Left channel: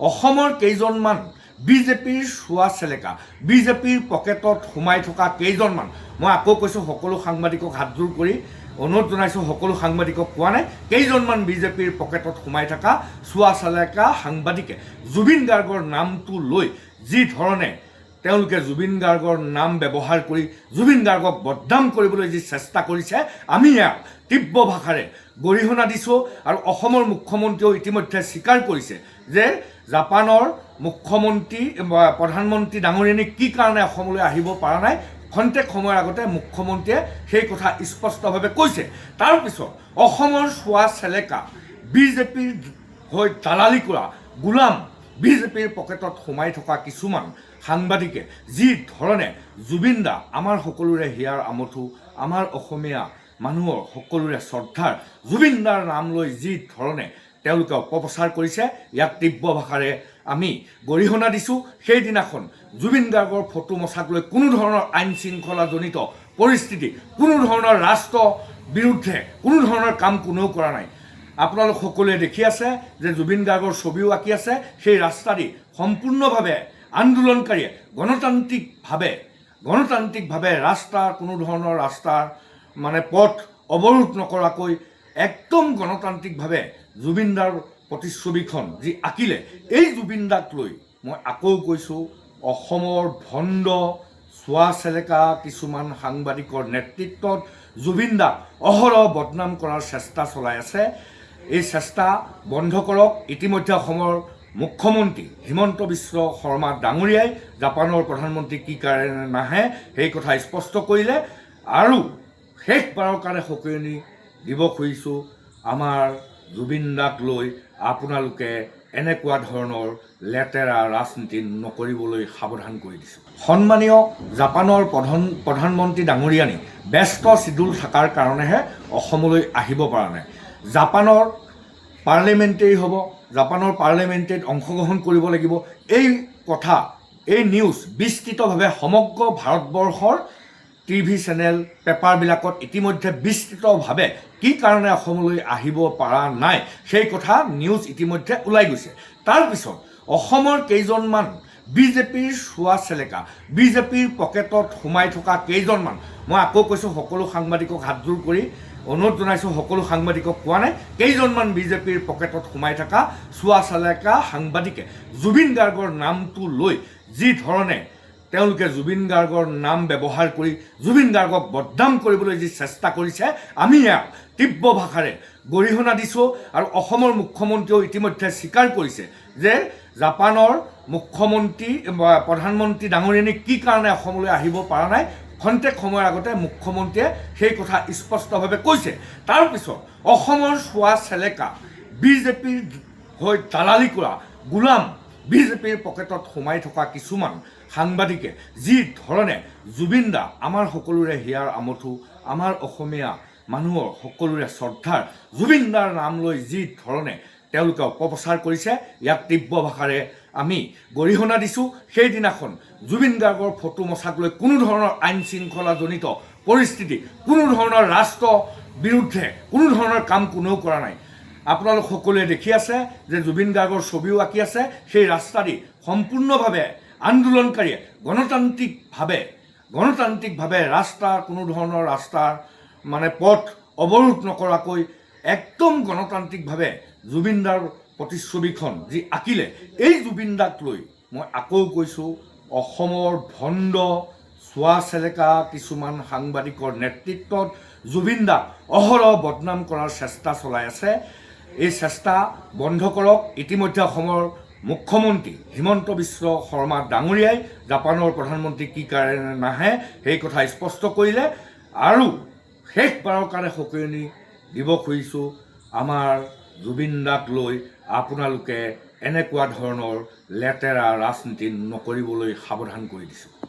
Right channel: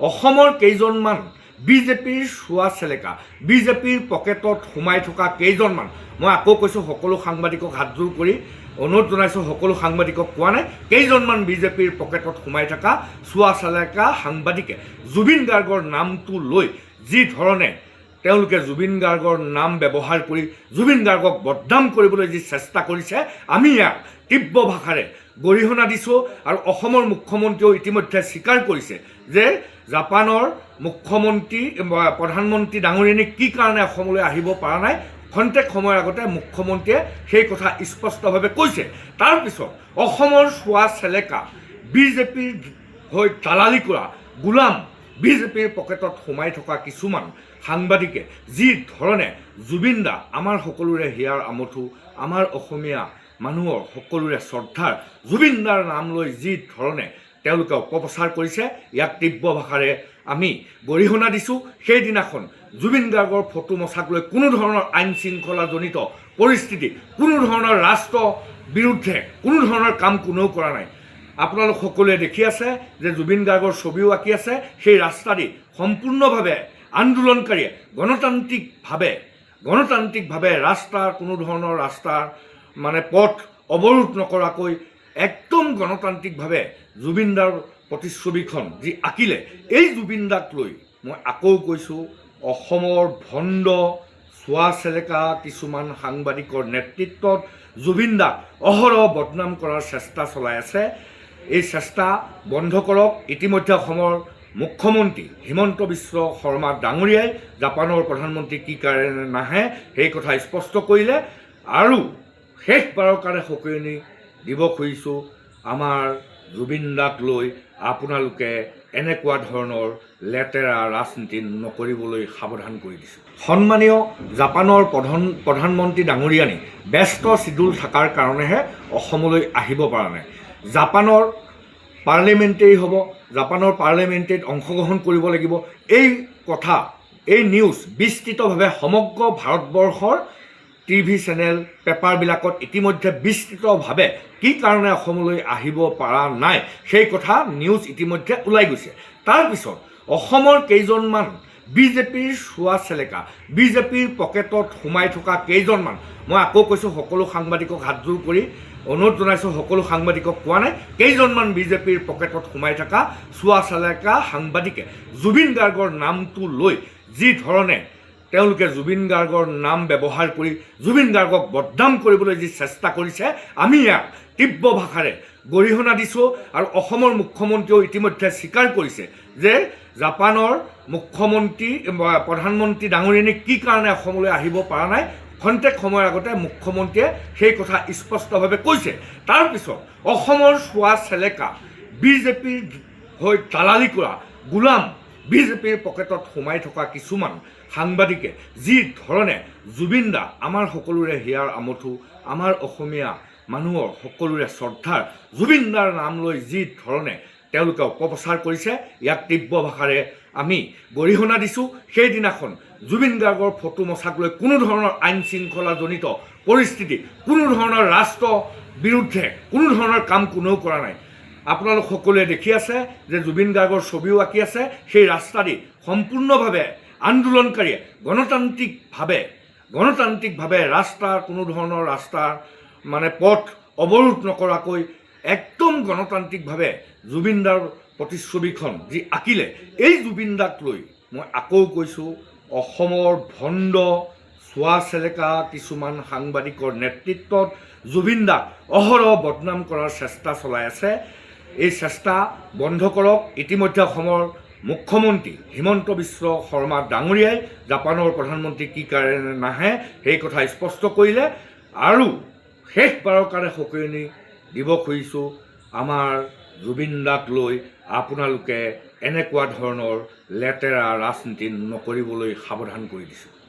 অসমৰ কেইজনমান বিজেপিৰ চোৱা চেলেকা বিজেপিৰ পকেটত সোমাই থকা কেইজনমান মই আকৌ কৈছোঁ সকলো সাংবাদিকক হাতজোৰ কৰি অনুৰোধ জনাইছোঁ সকলো সাংবাদিকক কোৱা নাই কেইজনমান বিজেপিৰ পকেটত সোমাই থকা চোৱা চেলেকা সাংবাদিকে জুবিন গাৰ্গৰ নামটো লৈ যি ধৰণে তেওঁলোকে জুবিন গাৰ্গৰ নাম ব্যৱহাৰ কৰি জুবিন গাৰ্গক বদনাম কৰিবলৈ যি চেষ্টা কৰিছে আমি ইয়াক তীব্ৰ ভাষাৰে গৰিহণা দিছোঁ আৰু অসমৰ মুখ্যমন্ত্ৰীয়েও ইতিমধ্যে স্বীকাৰ কৰিছে যে জাপানৰ মুখ্যমন্ত্ৰী প্ৰধানমন্ত্ৰী ডাঙৰীয়ানী কি কাৰণে অসমলৈ আহিব পৰা নাই খন্তেক সময়ৰ আগতে মুখ্যমন্ত্ৰীয়ে সেই কথা স্পষ্টভাৱে কৈছে তাৰপিছত অসমৰ চোৱা চেলেকা বিজেপিৰ হৈ দালালি কৰা গোলাম বিজেপিৰ পকেটত সোমাই থকা কিছুমান সাংবাদিকে যি ধৰণে জুবিন দা আমাৰ সকলোৰে হিয়াৰ আমঠু আমাৰ অসমীয়া মানুহৰ সকলোৰে শ্ৰদ্ধাৰ জুবিন দাৰ নাম লৈ যি ধৰণে তেওঁলোকে অপপ্ৰচাৰ কৰিছে ইয়াক তীব্ৰ ভাষাৰে আমি গৰিহণা দিছোঁ সেইদিনাখন জুবিন গাৰ্গৰ ফটো মচাক লৈ কোনো ধৰণৰ আইন শৃংখলাজনিত পৰিস্থিতি কোনো ধৰণৰ ৰাষ্ট্ৰ বিৰুদ্ধে কোনো ধৰণৰ কাম কোনেও কৰা নাই আপোনালোক সকলোৱে দেখি আছে যে জুবিন গাৰ্গৰ ছবিও আঁকি আছে সেই ৰাস্তা দি সম্পূৰ্ণভাৱে আন্দোলনকাৰীয়ে গণতান্ত্ৰিকভাৱে ৰাস্তাৰ কোনো ধৰণৰ ৰাস্তাৰ পথ অৱৰোধ নকৰাকৈ একদম গণতান্ত্ৰিকভাৱে জুবিন দাৰ প্ৰতিচ্ছবিখন যি আঁকিলে এই জুবিন দাক লৈ মই আকৌ কৈছোঁ অসমৰ ভণ্ড চোৱা চেলেকা কিছুমান সাংবাদিকৰ নেতৃত্বত জুবিন দাক অহৰহ বদনাম কৰাৰ চেষ্টা চলাই আছে এই চেষ্টা বন্ধ কৰক ইতিমধ্যে অসমৰ মুখ্যমন্ত্ৰী হিমন্ত বিশ্ব শৰ্মা ডাঙৰীয়াই জাপানৰ প্ৰধানমন্ত্ৰী কি কাৰণে নাহে সেই কথা স্পষ্ট কৰিলে আৰু শেষবাৰৰ কাৰণে সকীয়নি দিব খুজিছোঁ আমাৰ জুবিন দাক লৈ আপোনালোকে এনেকুৱা ধৰণৰ লেতেৰা ৰাজনীতি নকৰিবলৈ সাৱধান কৰি দিছোঁ সন্মানীয় জাপানৰ প্ৰধানমন্ত্ৰী ডাঙৰীয়ানী ব্যস্ত চিডুল থকাৰ কাৰণেহে অসমলৈ আহিব পৰা নাই জাপানৰ পাৰ্লিমেণ্টেৰী হ'ব জাপানৰ পাৰ্লিমেণ্টেৰীত অংশগ্ৰহণ কৰিব লাগিব এই কথা এই নিউজ বিস্তৃতভাৱে সমগ্ৰ ভাৰতবৰ্ষৰ টিভি চেনেল পেপাৰবিলাকত ইতিমধ্যে বিস্তৃতভাৱে কি কাৰণে অসমলৈ আহিব পৰা নাই সেই কথা নিউজ ইতিমধ্যে ওলাই গৈছে তাৰপিছত অসমৰ কেইজনমান বিজেপিৰ চোৱা চেলেকা বিজেপিৰ পকেটত সোমাই থকা কেইজনমান মই আকৌ কৈছোঁ সকলো সাংবাদিকক হাতজোৰ কৰি অনুৰোধ জনাইছোঁ সকলো সাংবাদিকক কোৱা নাই কেইজনমান বিজেপিৰ পকেটত সোমাই থকা চোৱা চেলেকা সাংবাদিকে জুবিন গাৰ্গৰ নামটো লৈ যি ধৰণে তেওঁলোকে জুবিন গাৰ্গৰ নাম ব্যৱহাৰ কৰি জুবিন গাৰ্গক বদনাম কৰিবলৈ যি চেষ্টা কৰিছে আমি ইয়াক তীব্ৰ ভাষাৰে গৰিহণা দিছোঁ আৰু অসমৰ মুখ্যমন্ত্ৰীয়েও ইতিমধ্যে স্বীকাৰ কৰিছে যে জাপানৰ মুখ্যমন্ত্ৰী প্ৰধানমন্ত্ৰী ডাঙৰীয়ানী কি কাৰণে অসমলৈ আহিব পৰা নাই খন্তেক সময়ৰ আগতে মুখ্যমন্ত্ৰীয়ে সেই কথা স্পষ্টভাৱে কৈছে তাৰপিছত অসমৰ চোৱা চেলেকা বিজেপিৰ হৈ দালালি কৰা গোলাম বিজেপিৰ পকেটত সোমাই থকা কিছুমান সাংবাদিকে যি ধৰণে জুবিন দা আমাৰ সকলোৰে হিয়াৰ আমঠু আমাৰ অসমীয়া মানুহৰ সকলোৰে শ্ৰদ্ধাৰ জুবিন দাৰ নাম লৈ যি ধৰণে তেওঁলোকে অপপ্ৰচাৰ কৰিছে ইয়াক তীব্ৰ ভাষাৰে আমি গৰিহণা দিছোঁ সেইদিনাখন জুবিন গাৰ্গৰ ফটো মচাক লৈ কোনো ধৰণৰ আইন শৃংখলাজনিত পৰিস্থিতি কোনো ধৰণৰ ৰাষ্ট্ৰ বিৰুদ্ধে কোনো ধৰণৰ কাম কোনেও কৰা নাই আপোনালোক সকলোৱে দেখি আছে যে জুবিন গাৰ্গৰ ছবিও আঁকি আছে সেই ৰাস্তা দি সম্পূৰ্ণভাৱে আন্দোলনকাৰীয়ে গণতান্ত্ৰিকভাৱে ৰাস্তাৰ কোনো ধৰণৰ ৰাস্তাৰ পথ অৱৰোধ নকৰাকৈ একদম গণতান্ত্ৰিকভাৱে জুবিন দাৰ প্ৰতিচ্ছবিখন যি আঁকিলে এই জুবিন দাক লৈ মই আকৌ কৈছোঁ অসমৰ ভণ্ড চোৱা চেলেকা কিছুমান সাংবাদিকৰ নেতৃত্বত জুবিন দাক অহৰহ বদনাম কৰাৰ চেষ্টা চলাই আছে এই চেষ্টা বন্ধ কৰক ইতিমধ্যে অসমৰ মুখ্যমন্ত্ৰী হিমন্ত বিশ্ব শৰ্মা ডাঙৰীয়াই জাপানৰ প্ৰধানমন্ত্ৰী কি কাৰণে নাহে সেই কথা স্পষ্ট কৰিলে আৰু শেষবাৰৰ কাৰণে সকীয়নি দিব খুজিছোঁ আমাৰ জুবিন দাক লৈ আপোনালোকে এনেকুৱা ধৰণৰ লেতেৰা ৰাজনীতি নকৰিবলৈ সাৱধান কৰি দিছোঁ